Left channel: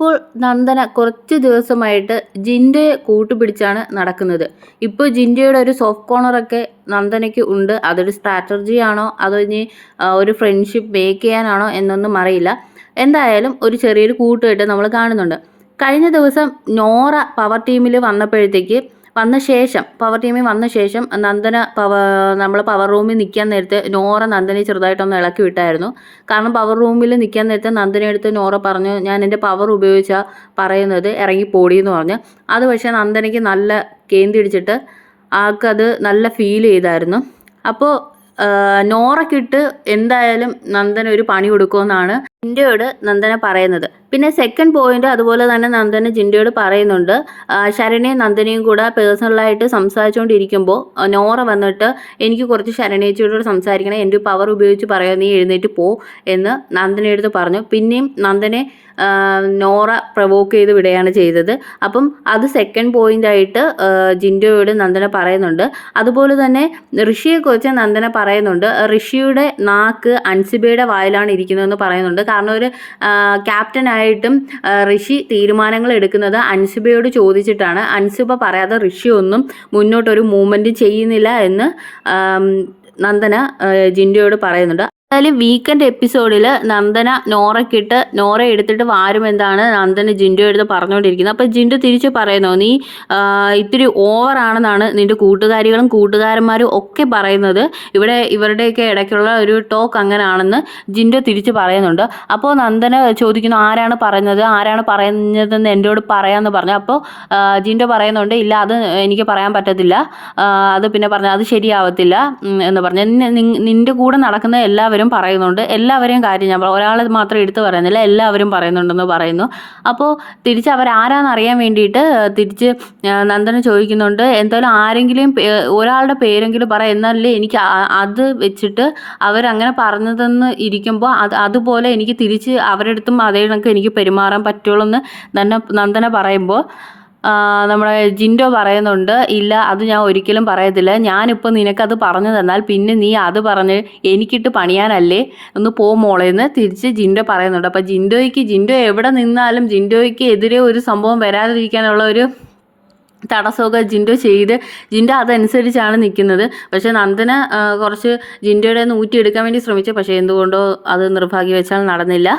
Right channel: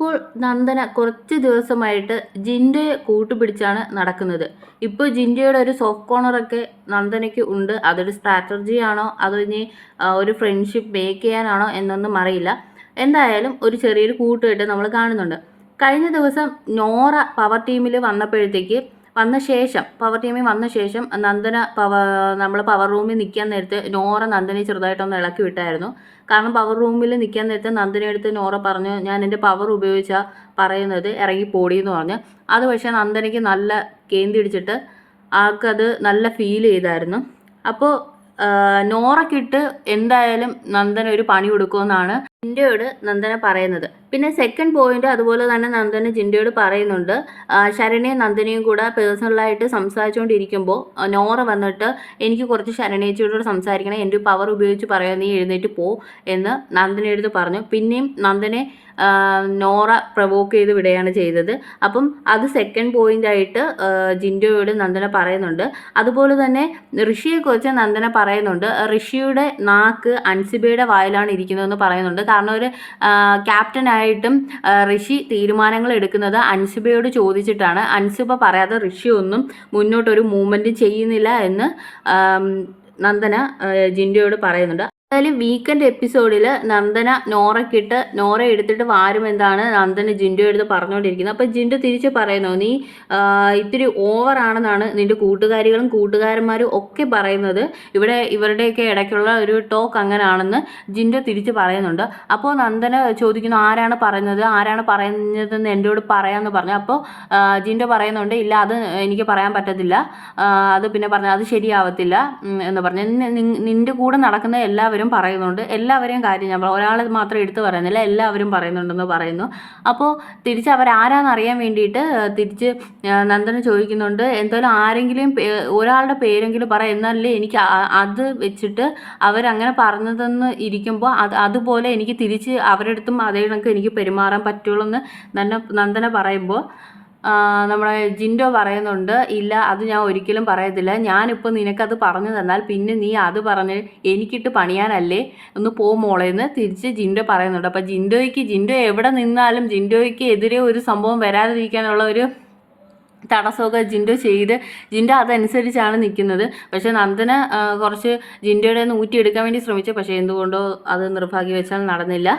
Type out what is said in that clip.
ഇപ്പോൾ നന്ദന കുറച്ച് ദിവസമായിട്ട് ജിൻഡയെ കൂട്ടുപിടിച്ചാണ് നടക്കുന്നത്. ഇപ്പോൾ ജിൻഡയുടെ ഒരു സോഫ്റ്റ് കോർണറൊക്കെ നന്ദനയ്ക്ക് ഉണ്ട്. അതൊരു സ്ട്രാറ്റജി ആണോ? അതോ ഇനി ഒരു ഫ്രണ്ട്ഷിപ്പ് മേക്ക് ചെയ്യാനാണോ എന്നൊന്നും അറിയില്ല. എന്തായാലും ഒരു ചെറിയൊരു കൂട്ടുകെട്ട് നമ്മൾ കാണുന്നുണ്ട്. കഴിഞ്ഞ ദിവസം നോറ പവർ ടീമിൽ വന്നപ്പോഴത്തേക്ക് വന്ന ശേഷം പവർ ടീമിൽ വന്ന ശേഷം നന്ദന പവ നമ്മൾ പവർ റൂമിൽ നിൽക്കാൻ നേരത്ത് നോറ നന്ദനെ ചെറുതായിട്ടൊന്ന് ഇളക്കി വിട്ടായിരുന്നു. കാരണം പവർ റൂമിൽ നിൽക്കാൻ നേരത്ത് നന്ദനെ എടുത്ത് നോറ പറഞ്ഞു ഞാൻ എന്റെ പവർ ഉപയോഗിച്ചാൽ പറയുന്നത് ഇറങ്ങി എന്ന് പറഞ്ഞു. അത് പക്ഷേ നന്ദനയ്ക്ക് നല്ല കേന്തിടിച്ചിട്ട് ആൾക്കത് നല്ല ഫീൽ ചെയ്തായിരുന്നു. അപ്പോൾ നോറക്കിട്ട് എന്തായാലും നന്ദന ഒരു പണി കൊടുക്കുമെന്നാണ് ജിൻഡയോട് നന്ദന പറയുന്നത്. പിന്നെ സെക്കൻഡ് പോയിന്റ് അതുപോലെ തന്നെ നന്ദന ജിൻഡയോട് പറയുന്നുണ്ട്. ശരണയും നന്ദനയും കൂടെ പേഴ്സണലായിട്ട് സംസാരിച്ചുകൊണ്ടിരിക്കുമ്പോൾ നോറ വന്നിട്ട് എനിക്ക് കുറച്ച് ശരണേച്ചിയോട് സംസാരിക്കണം. എന്റെ പവർ ഉപയോഗിച്ച് പറയാം. നീ എഴുന്നേറ്റ് പോ എന്ന് നന്ദനയെടുത്ത് പറഞ്ഞു. പിന്നെയും നന്ദനെ നോറ പ്രവോക്ക് ചെയ്ത് വിടുകയാണ് ചെയ്തത്. അപ്പം അത് സെക്കൻഡ് പോയിന്റ് ആയിട്ട് ജിൻഡോയോട് നന്ദന പറയുന്നുണ്ട്. അതുപോലെ തന്നെ ഋഷിയെക്കുറിച്ച് നന്ദന പറയുന്നുണ്ട്. ഋഷിയുടെ നാക്ക് അൻസിബയുടെ വായിലാണ് ഇരിക്കുന്നതെന്ന് പറയുന്നുണ്ട്. കാരണം ഒരു ക്യാപ്റ്റനായിട്ടും ഋഷി തീരുമാനങ്ങൾ എടുക്കുന്നത് അൻസിബയോട് ചോദിച്ചിട്ടാണ്. അൻസിബ പറയാതെ ഋഷി ഒന്നും മുന്നോട്ടൊരു മൂവ്മെന്റ് ചെയ്യുന്നില്ല എന്ന് നന്ദന ജിൻഡോയോട് പറയുന്നുണ്ട്. എന്തായാലും വീക്കെൻഡ് എപ്പിസോഡിൽ നന്ദന നോറക്കിട്ട് നോറ എടുത്തിട്ട് വാരും എന്താണ് നന്ദന ജിൻഡോ എടുത്ത് പറഞ്ഞുകൊണ്ടിരിക്കുന്നത് അപ്പോൾ ജിൻഡു തിരിച്ച് പറയുന്നു? നീ ഇത്തിരി ഓവറാണെന്നാണ് നിന്റെ കൂട്ടുകാരികളും കൂട്ടുകാരന്മാരും ഒക്കെ പറയുന്നത്. ഇവിടെ ഇവരുടെയൊക്കെ ഇടയ്ക്കുള്ള ഒരു ടോക്ക് അങ്ങനെയാണെന്ന് ജിൻഡോ തിരിച്ച് പറയുന്നുണ്ട്. അപ്പോൾ നന്ദന ചോദിക്കുന്നു ആരാണ് പറയുന്നത്? ആരാണ് പറയുന്നതെന്ന് എന്നോട് പറയാമെന്ന് പറഞ്ഞു. അപ്പോൾ ജിൻഡോ പറയുന്നുണ്ട് ഇല്ല അത് എനിക്ക് പറയാൻ പറ്റത്തില്ല. അത് പിന്നെ പറഞ്ഞു അത് ശരിയാവത്തില്ല എന്ന് പറഞ്ഞു. നിന്റെ കൂടെ നടക്കുന്ന എല്ലാവരും പറയുന്നുണ്ട്. എല്ലാവരെയും കാര്യം ഞാൻ ഒരാളെ മാത്രം എടുത്തു പറയുന്നില്ല. എല്ലാവരും പറയുന്നുണ്ടെന്ന് പറയുന്നു. അപ്പോൾ തിരിച്ച് അവരാരാന്ന് അറിയാൻ വേണ്ടിയിട്ട് തിരിച്ച് നന്ദന ചോദിക്കുന്നുണ്ട്. എന്തായാലും ആരെങ്കിലും ഒരാളുടെ പേരെങ്കിലും പറ. എന്നല്ലേ എനിക്ക് അത് വെച്ചിട്ട് അവരങ്ങനെ പറഞ്ഞതെന്ന് ഇരിക്കുമ്പോൾ അത് അതുപോലെ എനിക്ക് തിരിച്ച് അവരുടെ അടുത്തും അതേ കണക്ക് എനിക്ക് പെരുമാറാൻ പറ്റുള്ളൂ എന്ന് നന്ദന നന്ദന പറയുമ്പോൾ നമ്മുടെ ജിൻഡോ പറയുന്നുണ്ട് ഇല്ല അത് ഞാൻ ഒരിക്കലും പറയത്തില്ല. ഞാനിപ്പോൾ നിനക്കത് പറഞ്ഞു തന്നാൽ പിന്നെ നീ അത് പറഞ്ഞ് എനിക്കിട്ട് പണിയാനല്ലേ? ഒന്ന് പോ മോളെ എന്ന് തിരിച്ച് ജിൻഡോ പറയുന്നുണ്ട്. അപ്പോൾ ജിൻഡോയ്ക്ക് ജിൻഡോ എവിടെ നിന്നാലും ജിൻഡോയ്ക്ക് എതിരെ ഒരു സംഭവം വരാതിരിക്കാനുള്ള ഒരു തടസ്സമൊക്കെ ജിൻഡോ ചെയ്ത് ജിൻഡോ അതനുസരിച്ചാണ് നിൽക്കുന്നത് പക്ഷേ നന്ദന കുറച്ച് ജിൻഡോയുടെ നിന്ന് ഊറ്റിയെടുക്കാൻ വേണ്ടി ശ്രമിച്ചു. പക്ഷേ എന്തുകൊണ്ടോ അത് നിർഭാഗ്യവശാൽ നടന്നില്ല.